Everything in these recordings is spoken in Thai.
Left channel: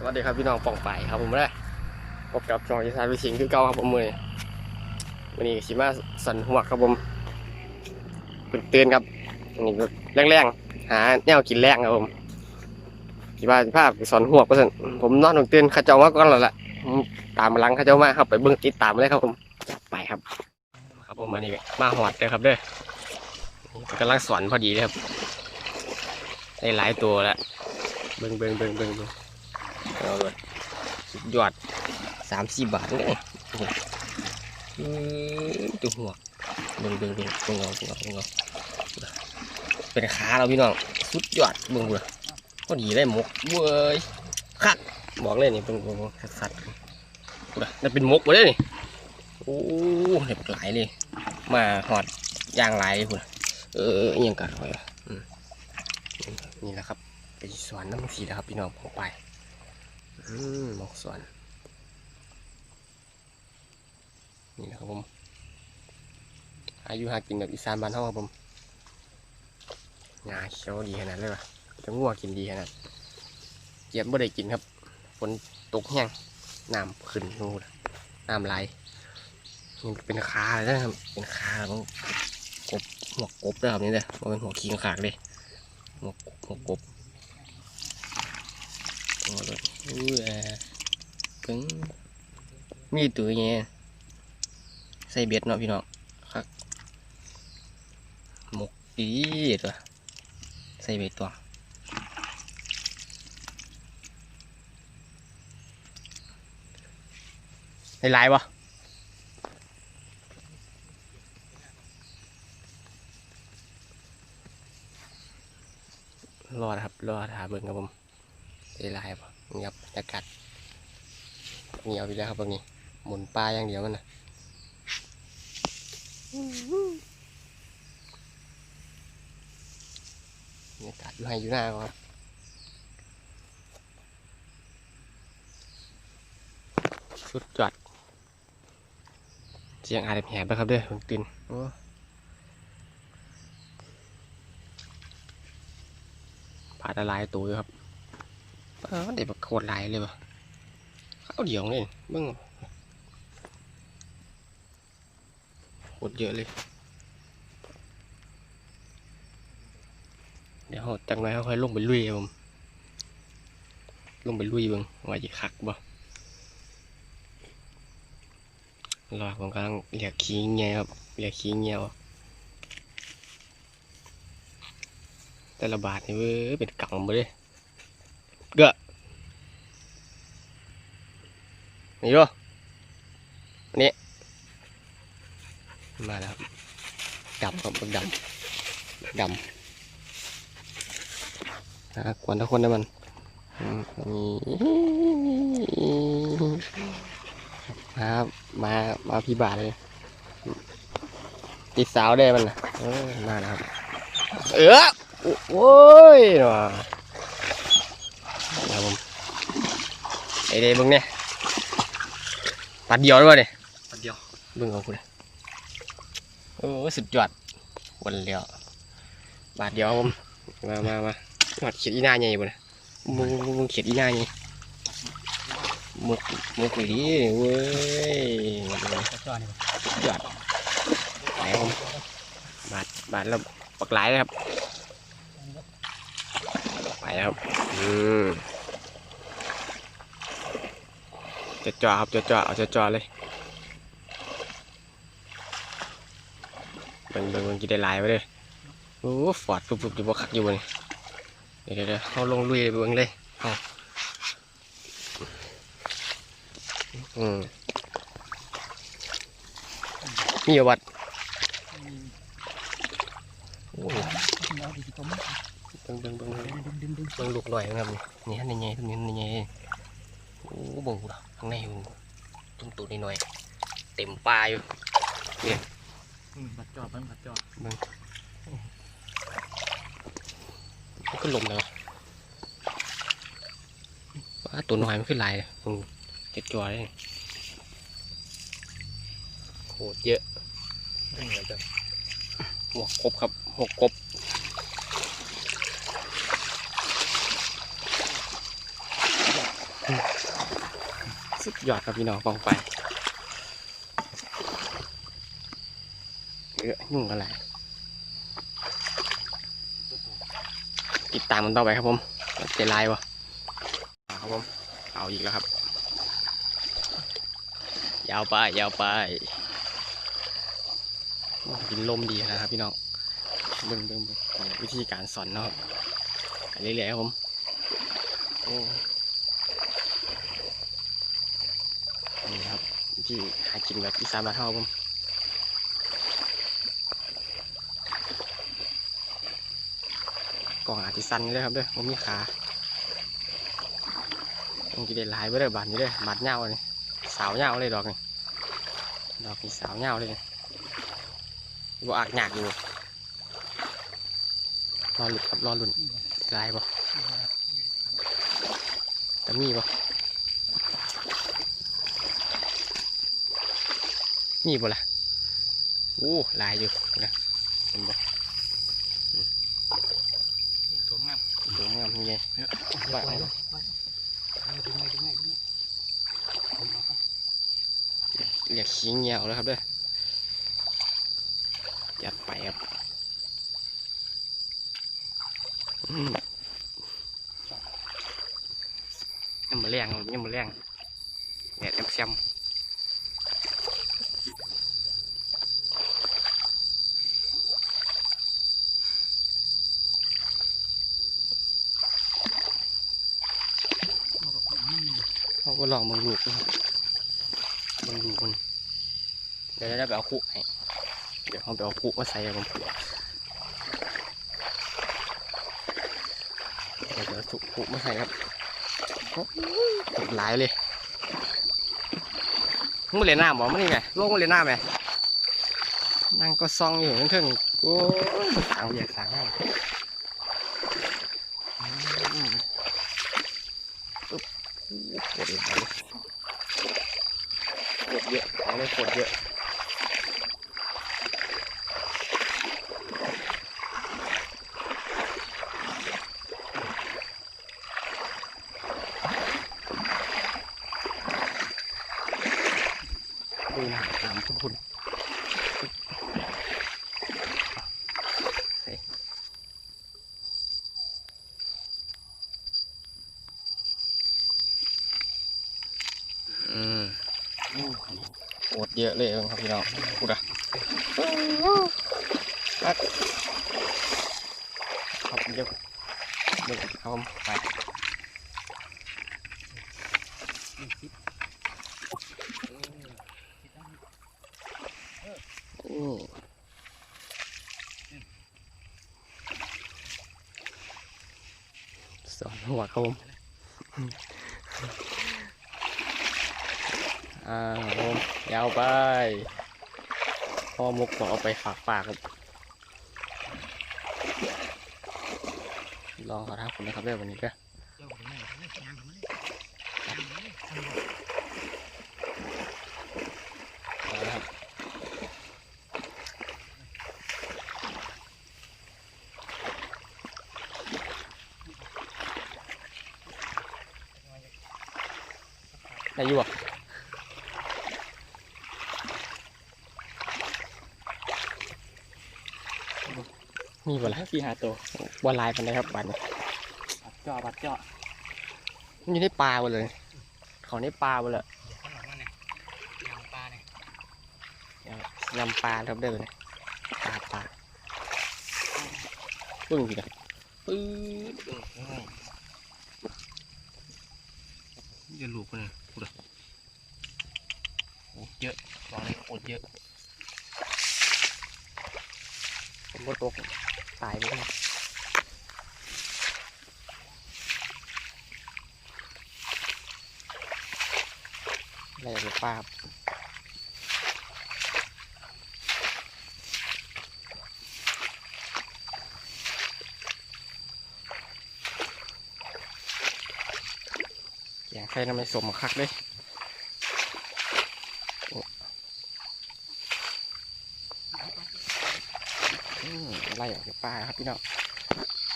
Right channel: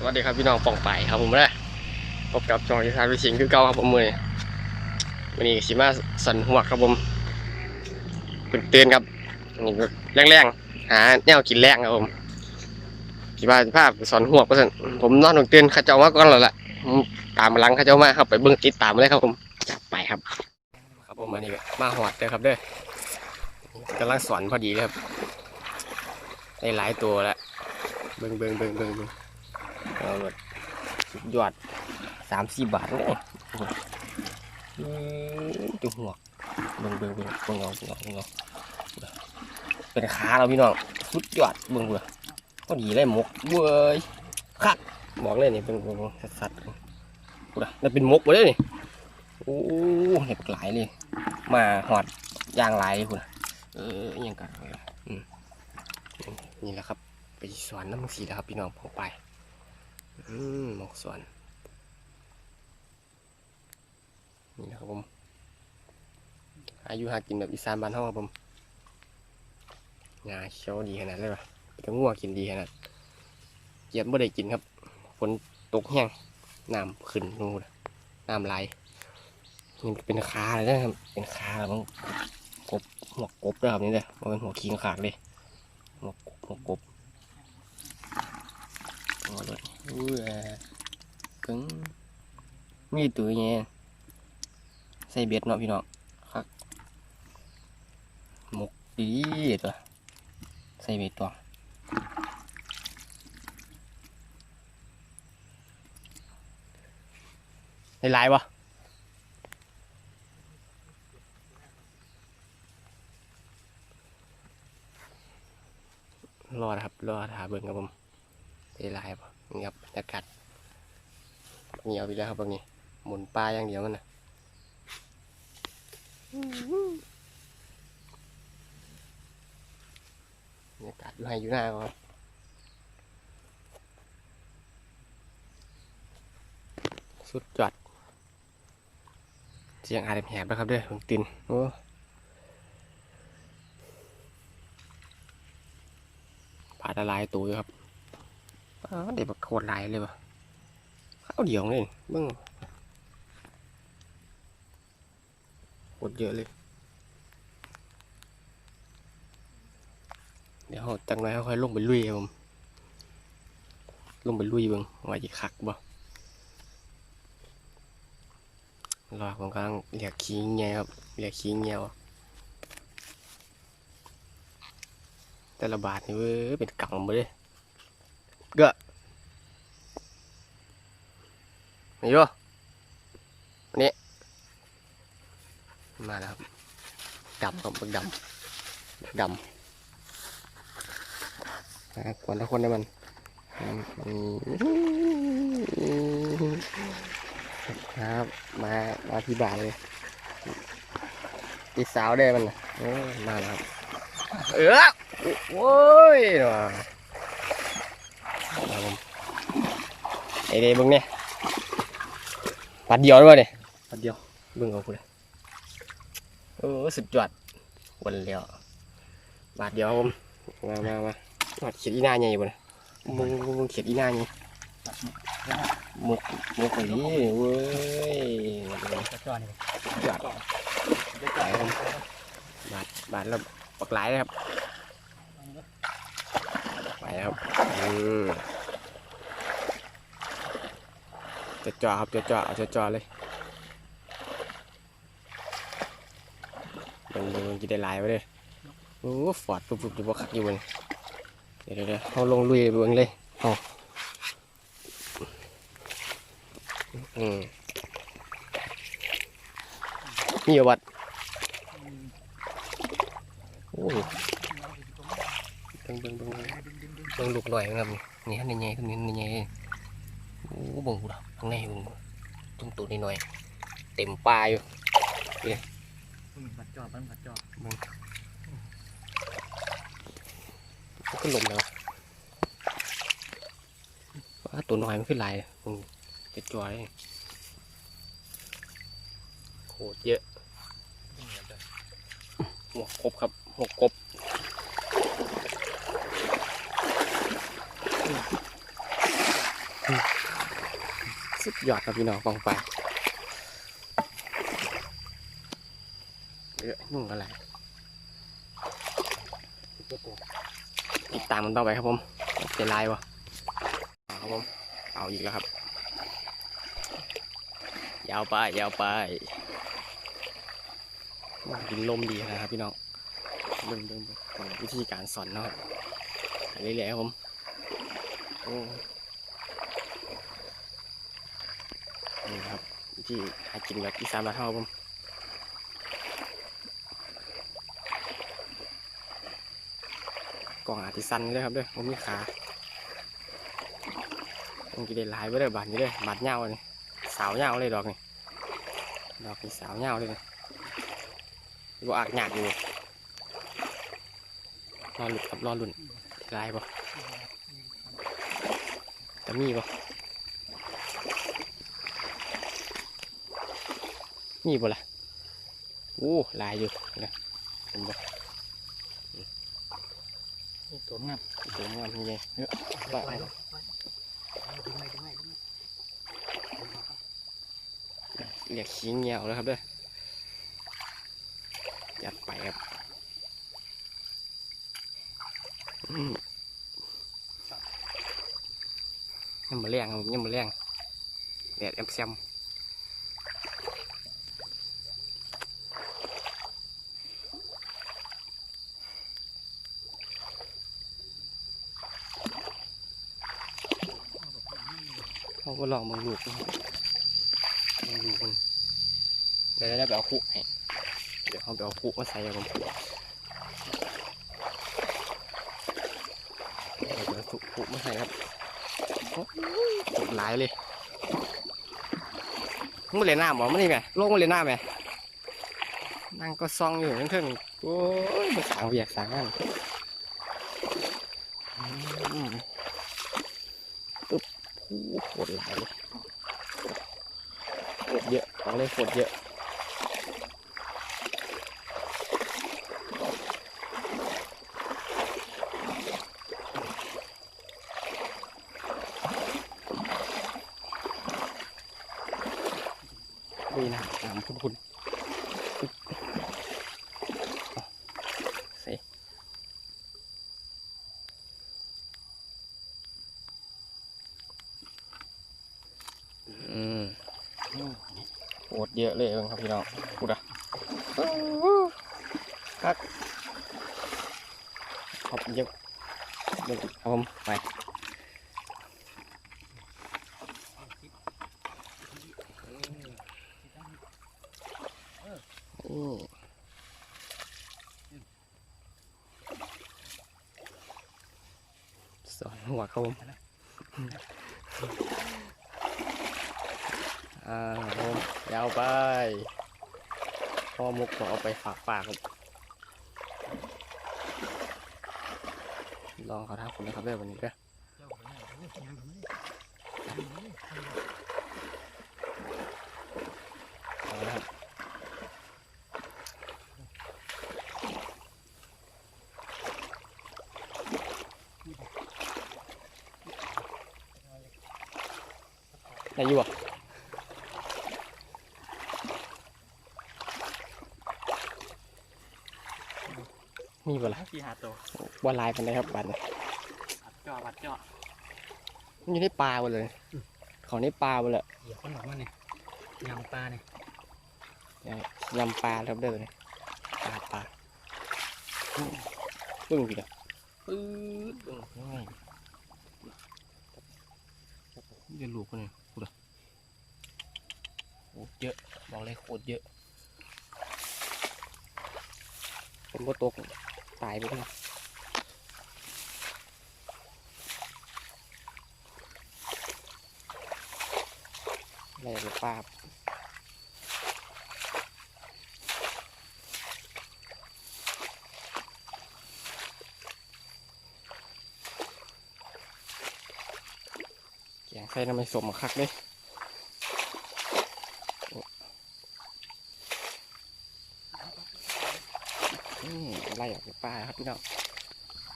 สวัสดีครับพี่น้องปองไปครับผมเลยพบกับจองอีสานวิสิงคือเก่าครับผมมือวันนี้ชิมาสันหัวครับผมตื่นเตือนครับนี่ก็แรงๆหาแนวกินแรงครับผมคิดว่าภาพสอนหัวก็สันผมนอนตื่นเตือนข้าเจ้ามาก่อนแล้วล่ะตามมาหลังข้าเจ้ามาครับไปเบิ้งติดตามเลยครับผมจับไปครับ ครับผมอันนี้มาหอดเลยครับเด้อนี่กำลังสอนพอดีเลยครับได้หลายตัวแล้วเบิ้งเบิ้งเบิ้งเบิ้ง เอาเลยสุดยอดสามสี่บาทเลยโอ้โหอืมตัวหัวเบิ่งเบิ่งเบิ่งเบิ่งเอาเบิ่งเอาเบิ่งเอาเป็นขาเราพี่น้องสุดยอดเบิ่งกูเลยพอดีเลยหมกเว้ยคักบอกเลยนี่เบิ่งเบิ่งสัดๆกูเลยนั่นเป็นมกไปเลยนี่โอ้เห็บหลายเลย มาหอดยางหลายคุณเออยังกันไว้วะอืมนี่แหละครับ ไปสวนน้ำสีแล้วครับพี่น้องพอไป หมกส่วน นี่นะครับผมอายุหากินแบบอีสานบ้านเฮาครับผมงาเขียวดีขนาดเลยว่ะจะงัวกินดีขนาดเหยียบบ่ได้กินครับฝนตกแห้งน้ำขึ้นนู่นน้ำไหลนี่เป็นขาเลยนะครับ เป็นขาของกบหัวกบด้วยครับนี่เด้อมันเป็นหัวขี้ขากเลยหัวกบหัวกบ โอ้ยอู้แอกึ้งมีตัวเงี้ยใส่เบ็ดเนาะพี่น้องครับหมกดีตัวใส่เบ็ดตัวได้หลายปะรอดครับ รอดหาเบิ่งครับผม ได้ลายปะเงียบบรรยากาศเงียบไปแล้วครับตรงนี้ หมุนปลาอย่างเดียวมันนะบรรยากาศอยู่ให้อยู่หน้าครับสุดยอดเสียงอาจจะแหบนะครับเด้อผมตินโอ้ปลาละลายตัวอยู่ครับ เออเด็กแบบโคตรลายเลยปะข้าวเดียวเลยเบิ่งโคตรเยอะเลย เดี๋ยวจังไรค่อยลงไปลุยผมลงไปลุยเบิ่งว่าจะคักบ่รอผมกำลังเรียกขี้เงี้ยครับเรียกขี้เงี้ยออกแต่ละบาทนี่เว้ยเป็นกำไปเลย เกอะนี่ดูอันนี้ มาแล้วครับดำครับดำดำนะกวนทุกคนได้มันมนี่ครับมามาพี่บาทเลย ติดสาวได้มันนะมาแล้วครับ เออโอ้ยว่ะบผม ไอ้เด้เบิ่งเนี่ยปัดเดียวด้วยเนี่ยปัดเดียวเบิ่งเอาคุณโอ้สุดยอดวันเดียวบาทเดียวครับผมมามามาหอดเขียดอีหน้าใหญ่บ่เนี่ยมึงมึงมึงเขียดอีหน้าใหญ่มุกมุกไปดิเว้ยกระจอนี่สุดยอดไปครับผมบาทบาทแล้วปักหลายเลยครับไปครับอืม จะจ่อครับจะจ่อเอาจะจ่อเลยเบิ่งเบิ่งเบิ่งกินได้หลายไปเลยโอ้ฟอดปุ๊บปุ๊บอยู่บ่คักอยู่บ่นี่เดี๋ยวเดี๋ยวเดี๋ยวเขาลงลุยไปเบิ่งเลยเอาอืมนี่วัดโอ้เบิ่งเบิ่งเบิ่งเบิ่งดึงดึงดึงบิ่งลูกหน่อยนะครับนี่นี่ฮะนี่ไงตรงนี้นี่ไงโอ้เบิ่งกูดอกข้างในเบิ่งกูตุ้มตัวนิดหน่อยๆเต็มปลาอยู่ปัดจอมันปัดจอมันก็ลมเลยวะว่าตัวน้อยมันขึ้นลายเลยมึงเจ็ดจอเลยโคตรเยอะหัวกบครับหัวกบสุด ยอดครับพี่น้องกองไฟเยอะยุ่งอะไรติดตามมันต่อไปครับผมว่าจะลน์วะครับผมเอาอีกแล้วครับ ยาวไปยาวไปดินลมดีนะครับพี่น้องเบิ่งเบิ่งวิธีการสอนเนาะไปเรื่อยๆครับผมโอ้ นี่ครับวิธีหากินแบบอีสานบ้านเฮาผมกล่องอาจจะสั้นเลยครับเด้อผมมีขาต้องกินได้หลายเบ่ได้อบาดนี้เด้อบาดเงาเลยสาวเงาเลยดอกนี่ดอกนี่สาวเงาเลยนี่บ่อากหยากอยู่รอหลุดครับรอหลุนลายบ่แต่มีบ่ มีบ่ล่ะโอ้ลายอยู่นะเห็นบ่ตัวงามตัวงามยังไงไปไปดึงไงดึงไงดึงไงเรียกขี้เงียวแล้วครับเด้อจัดไปครับอืมยังมาแรงครับยังมาแรงแดดแอมแซม ก็ลองมึงลูกนะครับมึงลูกมันเดี๋ยวได้ไปเอาคุกให้เดี๋ยวเขาไปเอาคุกมาใส่กับผมเดี๋ยวจะเอาคุกมาใส่ครับตกหลายเลยมึงมาเล่นน้ำเหรอมันนี่ไงโลกมาเล่นน้ำไหมนั่งก็ซองอยู่ทั้งเทิงโอ้ยสางเวียกสางงานอืม ปึ๊บโอ้โหลายเลยโคตรเยอะของเลยโคตรเยอะดูนะตามคุณคุณ โอดเยอะเลยครับพี่น้องพูดอะครับครับเยอะเยอะครับผมไปอืมสอนหัวครับผม อ่าผมยาวไปพ่อมุกบอกเอาไปฝากปากครับลองขาทักผมนะครับเด้วันนี้ก็เจ้าถึงไหนงานถึงไหนงานถึงไหน เอาละครับได้อยู่อะ มีบ่ล่ะกี่หาตัวบ่ลายปันได้ครับบัดนี้บัดจ่อบัดจ่อมันอยู่ในปลาหมดเลย ของในปลาหมดเลยเหยียบข้างหลังนั่นไงยางปลาเนี่ยยำปลาครับเด้อเนี่ยปลาปลาปึ้งสินะปื๊ดปึ้งเดี๋ยวลูกคนนึงพูดอะโอ้เยอะบอกเลยโคตรเยอะผมก็ตก ตายไปเลยอะไรอย่างปลาอยากใส่น้ำมันสมคักเลย ไล่ออกจากป่าครับพี่น้อง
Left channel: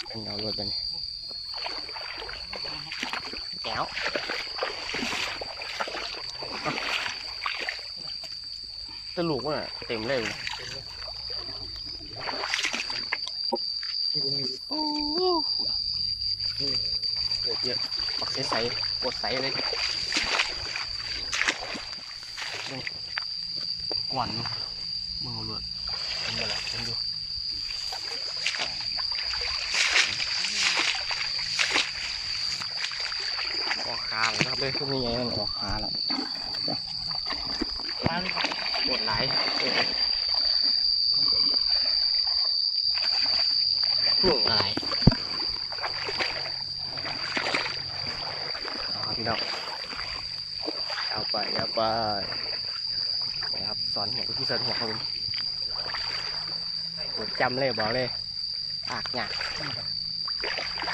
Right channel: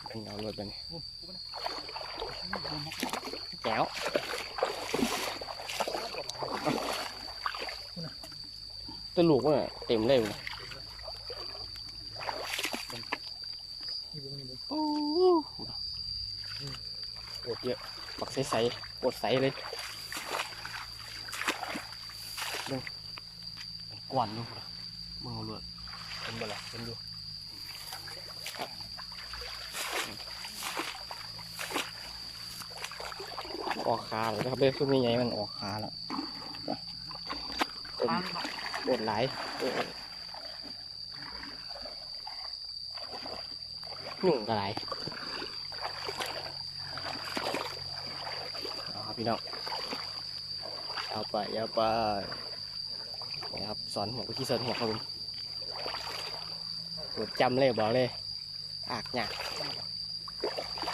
เป็นเงาลอยไปนี่แล้วตะลูกว่าเต็มเลยโอ้ปวดเยอะปักใสใสปวดใสเลยกวนดูมึงเอาลวดเป็นบ่ละเป็นดู ออกขาแล้วครับเด้คือไม่ไงมันออกขาแล้วมาเลยครับปวดไหลายปวดหนุ่งอะไรเอาครับพี่น้องเอาไปเอาไปนะครับสอนหัวที่สอนหัวครับผมปวดจำเลยบอกเลยปากหยัก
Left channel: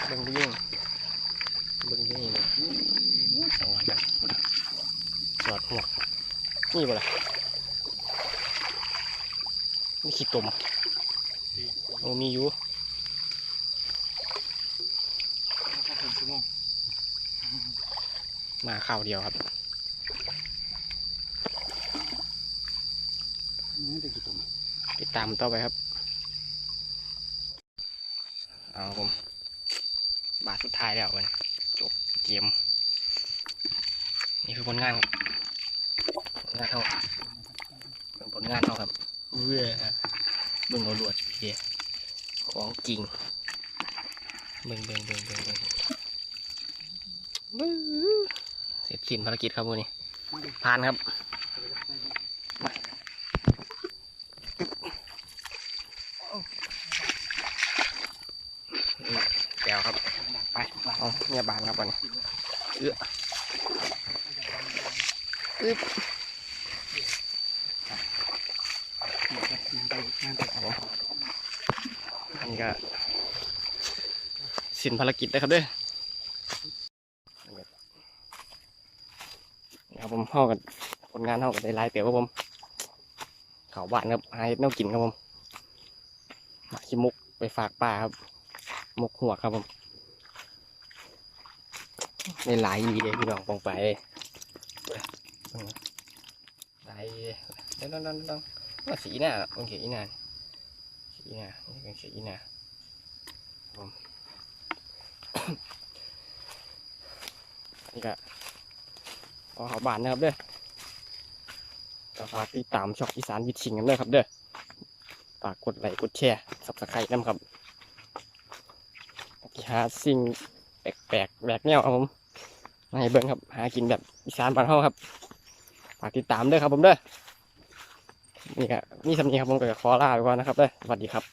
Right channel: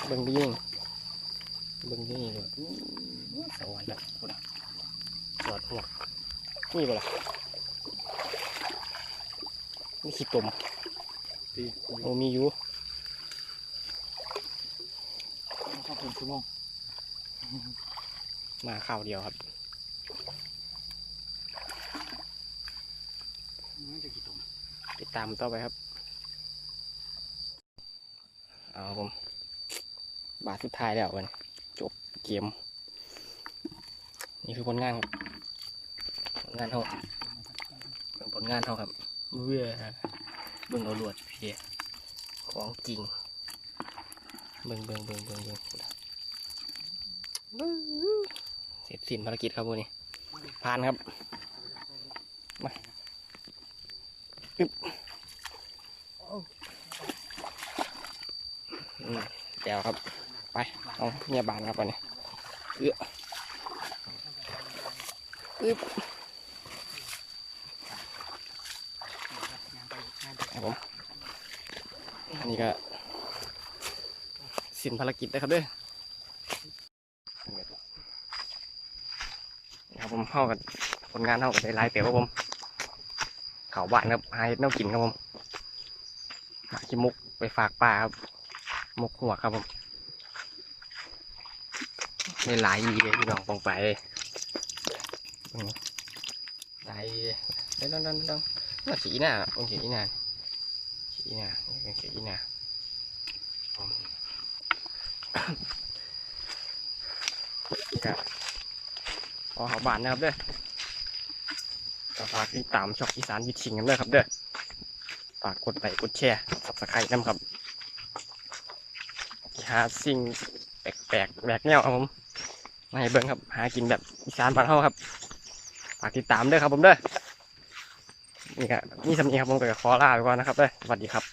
เบิ่งยิ่ง เบิ่งไปยิ่งเลยสอนแบบสอดหัวนี่บ่ล่ะมีขี้ตุ่มตีโอ้มีอยู่ถ้าถึงชั่วโมงมาข้าวเดียวครับมันจะกี่ตัวติดตามต่อไปครับ เอาครับผม บาทสุดท้ายแล้วกันจบ เกม นี่คือผลงานครับผลงานเขาเป็นผลงานเขาครับเบื่อเบิ่งเอาลวดเพียของจริงเบิ่งเบิ่งเบิ่งเบิ่งเบิ่งเสร็จสิ้นภารกิจครับวันนี้ผ่านครับอืมแก้วครับ ไปเอาเนี่ยบานครับวันนี้เอื้ออึ๊บครับผมอันนี้ก็สิ้นภารกิจนะครับเด้อนี่ครับผมเข้ากันผลงานเข้ากันได้หลายเปียกครับผม เขาบ้านครับหาเห็ดแนวกินครับผมหาขี้มุกไปฝากป้าครับ มุกหัวครับผม ไม่หลายอีเลยพี่น้องปองไปเบิ่งหลายเด้ดังดังดังว่าสีหน้าโอเคอีหน้าสีหน้าเป็นสีหน้าก็ขอเขาบานนะครับเด้อก็ฝากติดตามช่องอีสานวิชิงกันด้วยครับเด้อฝากกดไลค์กดแชร์สับสไครต์น้ำครับหาสิ่ง แปลกแแบกแนวครับผมมาให้เบิ้งครับ หากินแบบอีสานบ้านเฮาครับฝากติดตามด้วยครับผมเด้อนี่ก็มีสำเนียงครับผมก็ขอลาไปก่อนนะครับเด้อสวัสดีครับ